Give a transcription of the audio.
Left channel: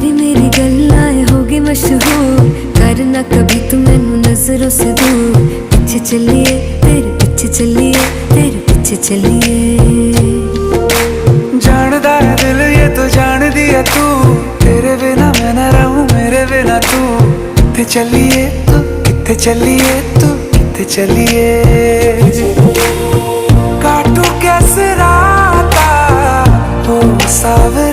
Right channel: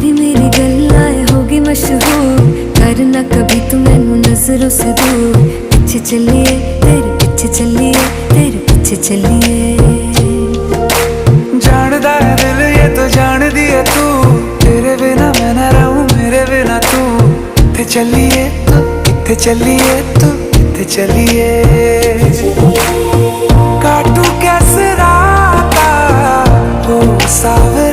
तेरी मेरी गल्लाएं होगी मशहूर, करना कभी तू मैनू नजरों से दूर। पीछे चलिए तेरे पीछे चलिए, तेरे पीछे चलिए। जानदा है दिल ये तो जान दिया तू, तेरे बिना मैं ना रहूं मेरे बिना तू। किथे चलिए तू, किथे चलिए तू, किथे चलिए। काटू कैसे राता हो सावे